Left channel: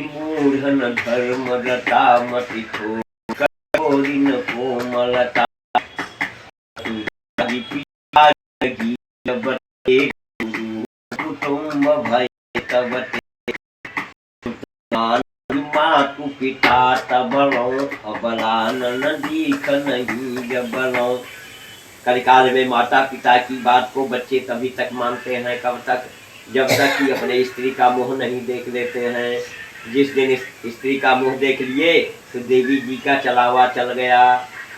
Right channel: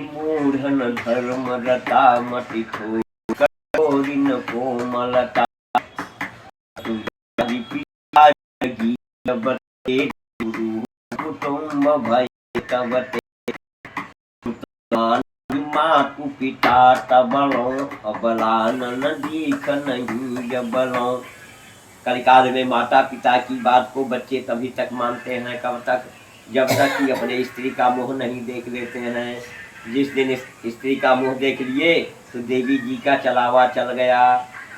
मूढ़न धर्म रता मति थोरी न कोमलता कुटुम्ब भय तब मातु पिता तबलो अबलान दीख नहीं जबलो। कलिकाल में माता पिता की बात को बच्चे तभी तक मानते हैं कब तक, जब तक कि अपने स्त्री का मुंह नहीं देख लेते हैं। जिस दिन स्त्री का मुंह देख लिए तो देवी जी का चलावा चल गया।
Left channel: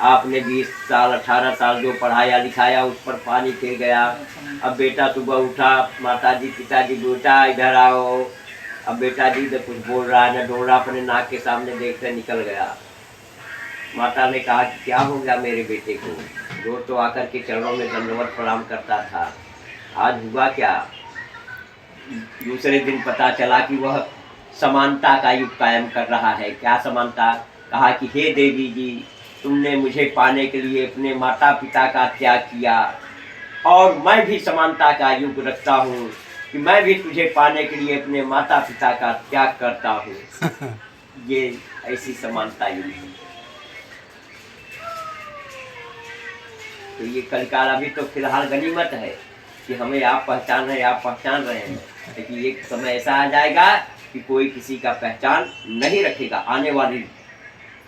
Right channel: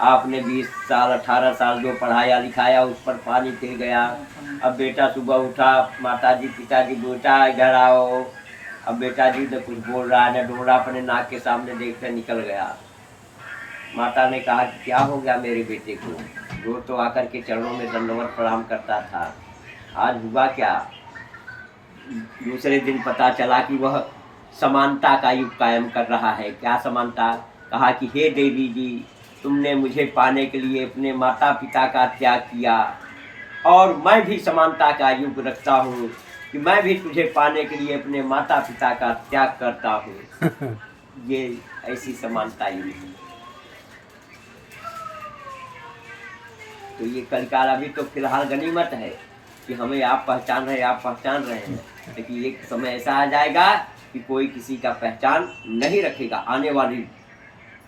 आपने 20 साल 18 साल जो पढ़ाया लिखाया उस पर पानी फिर गया। अब बेटा सुबह उठा, माता जी पिताजी बेटा इधर आओ। अब बेटा जी तो कुछ बोल रहा है न डोल रहा, अपने नाक के सामने देखते निकल गया। माता ने कहा कि क्या हो गया मेरे बेटे को, रोज तो आकर के चरणों में दंडवत प्रणाम करता था, आज हुआ क्या। दूसरे दिन पता चला कि वह समानता का युग कायम कर रहा है। क्या समानता? कहा कि हे देवी जी, तुमने मुझे पाने के लिए अपने माता पिता का त्याग किया और मैं भी समानता का युग रखता हूँ कि मैं भी तुझे पाने के लिए अपने माता पिता का त्याग करता हूँ। ये ऐसी समानता युग है। तो ये कलिकाल अभी तो फिलहाल गनीमत है कि हमें आप पहचान रहे हैं, आप पहचान रहे हैं, लेकिन एक समय ऐसा आ जाएगा कि कोई किसी का पहचान नहीं रखेगा। आने वाली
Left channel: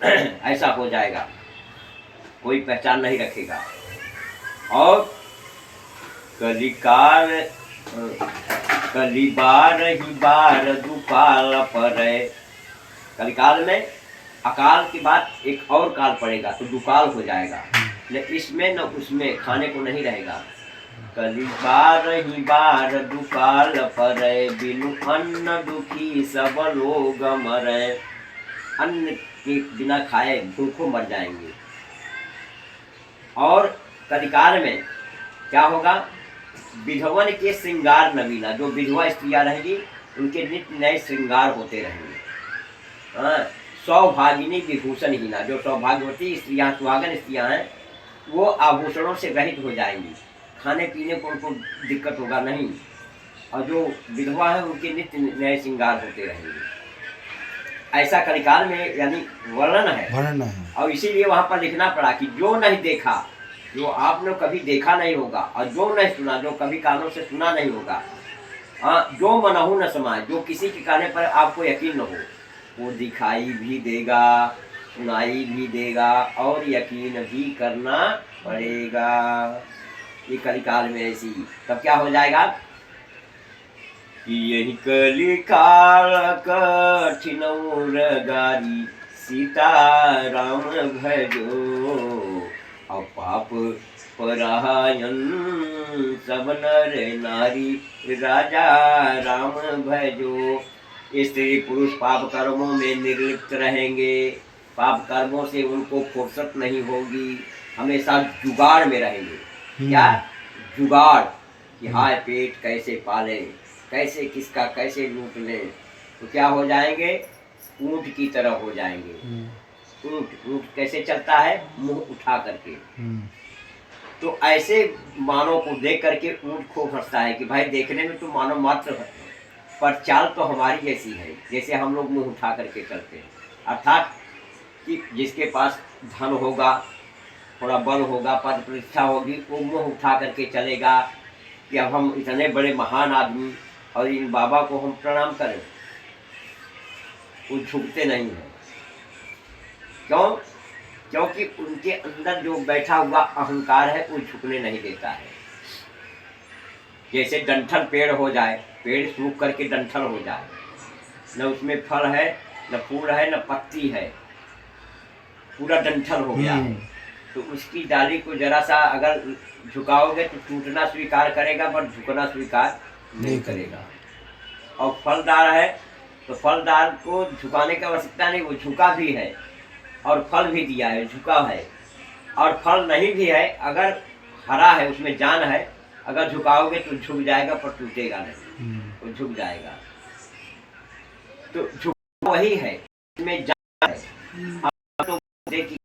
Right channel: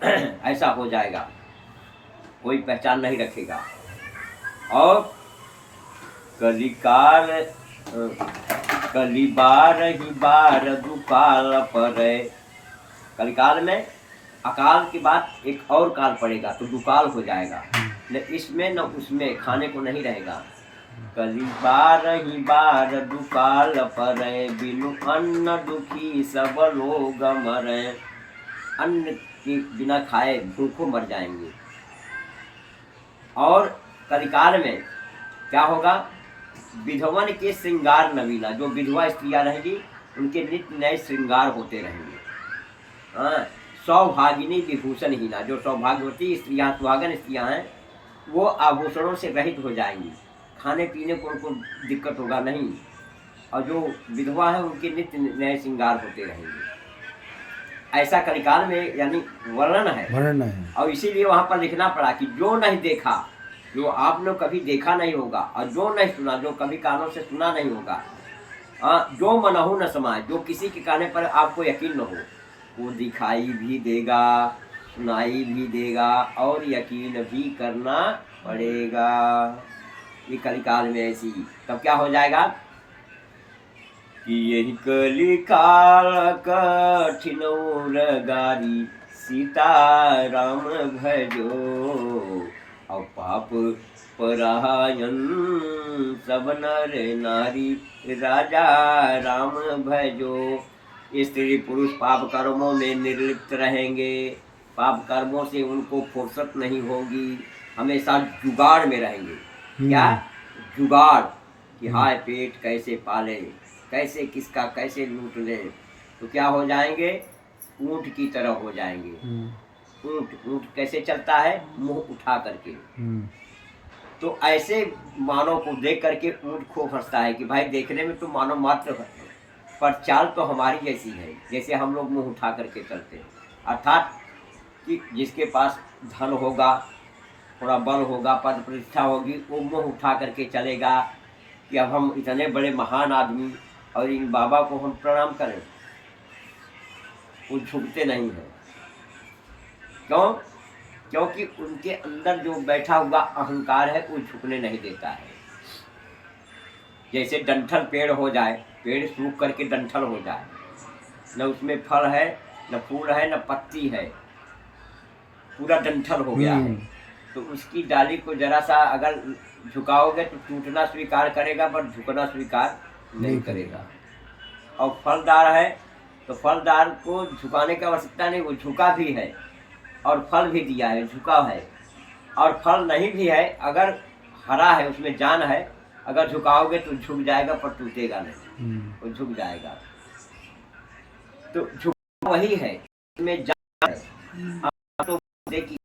ऐसा हो जाएगा, कोई पहचान नहीं रखेगा। और कलिकाल कलिबार ही बार दुकाल पर, कलिकाल में अकाल के बाद एक और काल पड़ेगा तो दुकाल हो जाएगा, न इसमें न उसमें खाने को नहीं रहेगा। कलिबार ही बार दुकाल पर, बिनु अन्न दुखी सब लोग मरे। अन्न के बिना खाए भूखों मर जाएंगे। और कलिकाल में क्या होगा, विधवन के श्रृंगार नवीना, जो विधवा स्त्रियां रहेंगी उनके नित्य नए श्रृंगार होते रहेंगे। हाँ, सौभागिनी विभूषण हीना, जो सौभाग्यवती स्त्रियां सुहागन स्त्रियां हैं वो आभूषणों से रहित हो जाएंगी, खाने पीने को उनको दिक्कत होगा नहीं। और जो विधवा है उनके नित्य नए श्रृंगार होते रहेंगे। ऐसा कलिकाल में यानी वर्णन है। और इसीलिए वहां पर लिखना पड़ा कि जो नहीं देखा, जो आपने कभी देखा नहीं होगा, और जो नहीं सुना, जो कभी कानों से सुना नहीं होगा, जो मनहु न समाए, जो किसी के कहने पर आपको यकीन न हो, वो दिखाई भी देगा, सुनाई भी देगा और यकीन भी करना पड़ेगा। ये कलिकाल में ऐसी, तब क्या हो जाएगा कि यही कलिकाल कठिन गारी, सीताराम भजो और पाप परायण सब नर नारी, राजा राम भजो। स्त्री पुरुष पाप कर्मों में निर्लिप्त रहेंगे, पाप कर्मों से उनको फुर्सत नहीं होगी, हमेशा जुगाड़ में रहेंगे। क्या जुगाड़ कि हाय पेट कैसे पाले, कैसे किसका कैसे लूट ले। तो क्या हो जाएंगे, ऊंट की तरह हो जाएंगे। ऊंट कैसे चलता है, मुंह उठा करके। तो ऐसे मानव को देख करके ऊंट खूब हंसता है कि भाई देखने में तो मानव मात्र है पर चाल तो हमारी जैसी है, जैसे हम लोग मुंह उठा करके चलते हैं। अर्थात कि जिसके पास धन होगा, थोड़ा बल होगा, पद प्रतिष्ठा होगी, वो मुंह उठा करके चलेगा कि अब हम इतने बड़े महान आदमी और इन बाबा को हम प्रणाम करें। वो झुकते नहीं हैं। क्यों? क्योंकि उनके अंदर जो बैठा हुआ अहंकार है वो झुकने नहीं देता है। जैसे डंठल पेड़ हो जाए, पेड़ सूख करके डंठल हो जाए, न उसमें फल है, न फूल है, न पत्ती है, पूरा डंठल हो गया है। तो उसकी डाली को जरा सा अगर झुकाओगे तो टूटना स्वीकार करेगा पर झुकना स्वीकार नहीं करेगा। और फलदार है तो फलदार को झुकाने की आवश्यकता नहीं, वो झुका भी है और फल भी दिया है, झुका है। और फल नहीं भी है, अगर हरा है उसमें जान है, अगर झुकाओगे तो झुक जाएगा पर टूटेगा नहीं, वो झुक जाएगा। तो झुक वही है, इसमें जान है। तो देखिए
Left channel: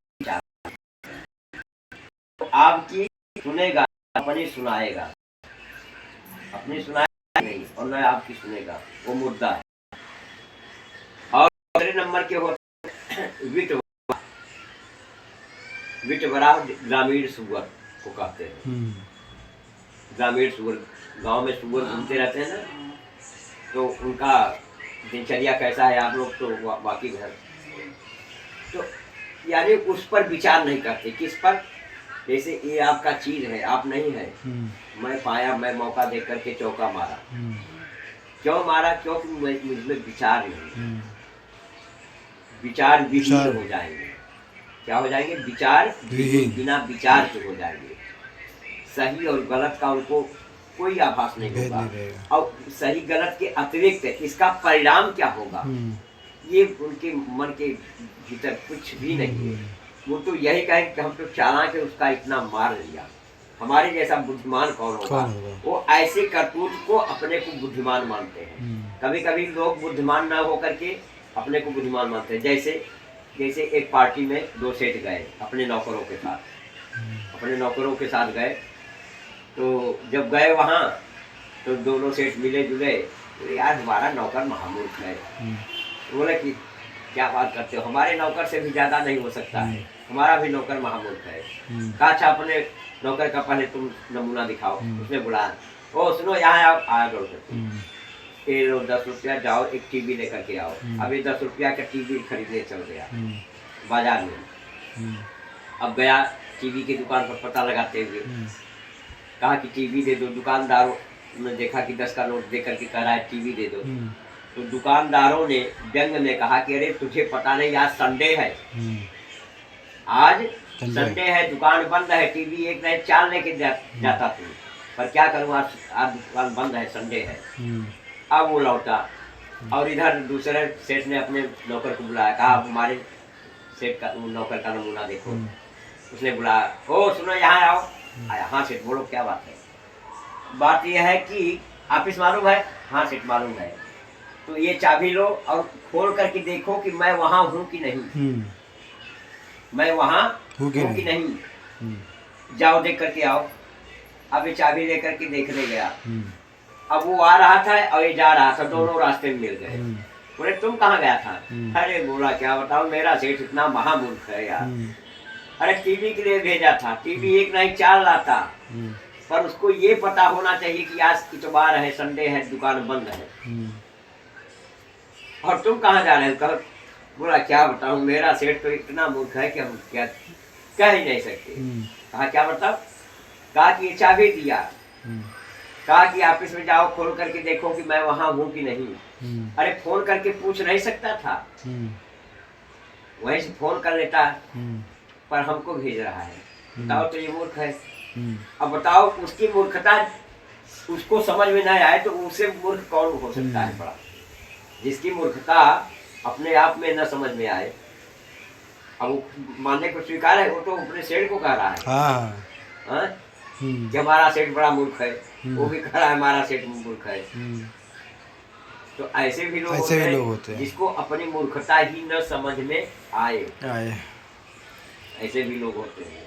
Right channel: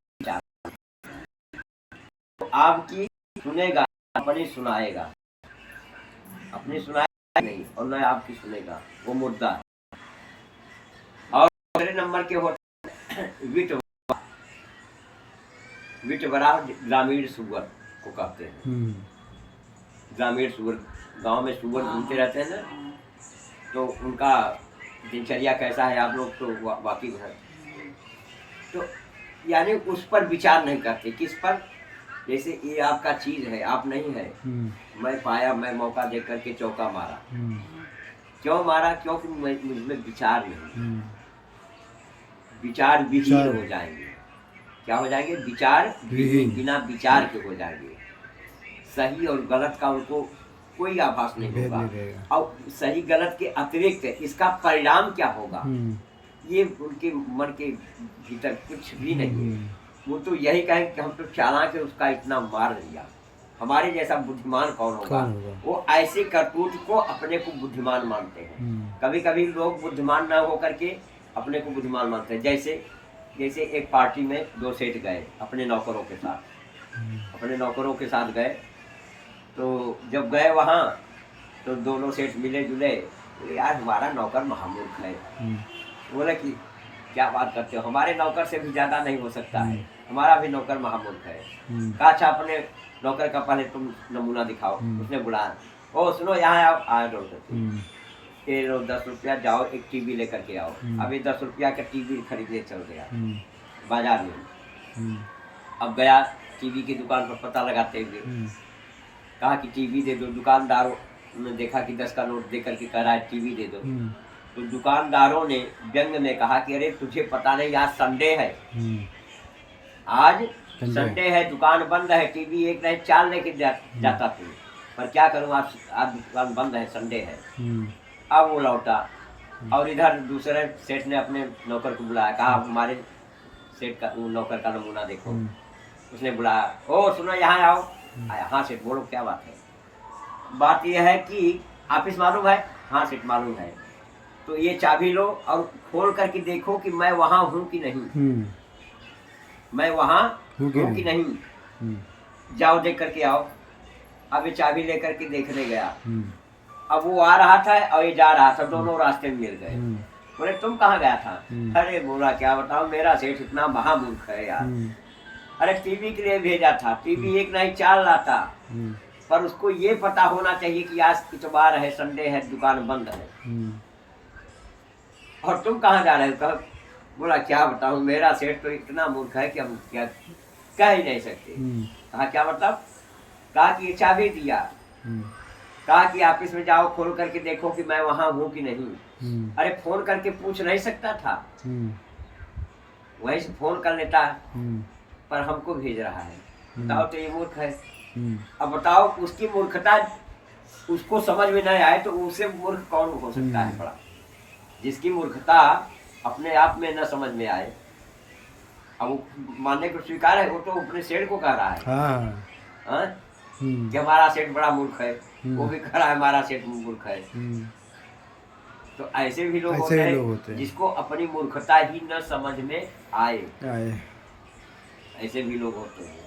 तो आपकी सुनेगा, अपनी सुनाएगा, अपनी सुनाएगा नहीं और न आपकी सुनेगा, वो मुद्दा है। और दूसरे नंबर के होते हैं विटवरा ग्रामीण सुअर को कहते हैं। ग्रामीण सुअर, गांव में सुअर घूमते रहते हैं ना, तो उनका दिनचर्या कैसा है आप लोग तो वाकिफ है। तो यानी उस पर विचार नहीं करते। किस पर? जैसे ये आपका चीज है, आप नहीं है, मैं पाया, मैं मौका देख करके चौका मारा। क्यों मारा? क्योंकि मुझमें विचार नहीं। विचार विहीन हो जाएंगे। क्या हो जाएंगे? विचार विहीन, बिना विचार के हो जाएंगे। सही और गलत का उनको कोई आभास नहीं होगा, और सही गलत के अतिरिक्त इसका परिणाम क्या होगा ये उनके मन के भीतर कुछ भी नहीं है। वो तो यही कहे कि हम तो चालाक है, उसका इतना मार दिया। हमारे जैसा बुद्धिमान कौन होगा? वो ऐसे करतूत को अपने को बुद्धिमान मानते हैं। कभी कभी लोग बुद्धिमान ना होकर के अपने को बुद्धिमान मानते हैं। जैसे एक पार्टी में दो सेठ गए अपने नौकरों के साथ गए। तो जब गए वहाँ तो दोनों सेठ मिले जुले, तो यार हमारा नौकर महामूर्ख है। बोले कि क्या बात करते हो, हमारे नौकर से भी ज्यादा नहीं हो सकता है, हमारा भी नौकर महामूर्ख है। कहा अच्छा अपने नौकर का पहले तुम नमूना दिखाओ। उसने बुलाया, ओ सुनो यहाँ आओ, आया दौड़ करके, ये लो 10 रुपया, जाओ एक टीवी लेकर के आओ। अब ये 10 रुपया का टीवी खरीदने चल गया बाजार में। अब गया टीवी की दुकान पर पता लगाते हुए, कहा कि टीवी दे दो। दुकानदारों ने देखा कि 10 का नोट दे करके कह रहा है टीवी दे दो। तो दुकानदारों ने व्यंग में कहा कि अरे तुझे पता नहीं आज संडे है, आज संडे है, दुकान बंद है, टीवी एक नहीं 4 लेके जाता तू, पर क्या करूँ आज दुकान बंद है, संडे है। अब वो लौटा और इधर दूसरे सेठ ने अपने नौकर को बुलाया, कहा हमारे सेठ का नौकर का नमूना देखो। उसने बुलाया, ओ सुनो यहाँ आओ। आया, हाँ सेठ बोलो क्या बात है? बात यह है कि ऑफिस मालूम है? हाँ सेठ मालूम है। तो ये चाबी लो और खोल करके देखो कि मैं वहाँ हूँ कि नहीं, मैं वहाँ हूँ कि नहीं, जाओ देख करके आओ। अब ये चाबी लेकर के देखने गया। अब वो आ रहा था और ये जा रहा था, दोनों रास्ते में मिल गए। बोले तुम कहाँ गया था? अरे बोला क्या बताऊं, मेरा सेठ इतना महामूर्ख है यार। अरे टीवी के लिए भेजा था, टीवी एक नहीं 4 लाता, पर उसको ये पता होना चाहिए कि आज इतवार है, संडे है, दुकान बंद है। और तुम कहाँ जा रहे हो? बोला क्या बताऊं, मेरा सेठ तो इतना मूर्ख है कि हम क्या कह ही नहीं सकते। कहा क्या मतलब? कहा कि ये चाबी दिया, कहा कि ऑफिस में जाओ खोल करके देखो कि मैं वहाँ हूँ कि नहीं। अरे फोन करके पूछ नहीं सकता था? वहीं से फोन कर लेता, पर हमको भेज रहा है। बताओ तो ये मूर्ख है। अब बताओ उसकी मूर्खता उसको समझ में नहीं आए तो उससे मूर्ख कौन हो सकता है? बड़ा जिसकी मूर्खता अपने आप में न समझ में आए, अब वो मानने को स्वीकार है, वो तो अपने सेठ को कह रहा है कि हमारा सेठ बड़ा मूर्ख है, वो भी कह रहा है हमारा सेठ मूर्ख है। तो ऐसे भी लोग होते हैं जिसको अपनी मूर्खता ही न समझ में आए, ऐसे भी लोग होते हैं।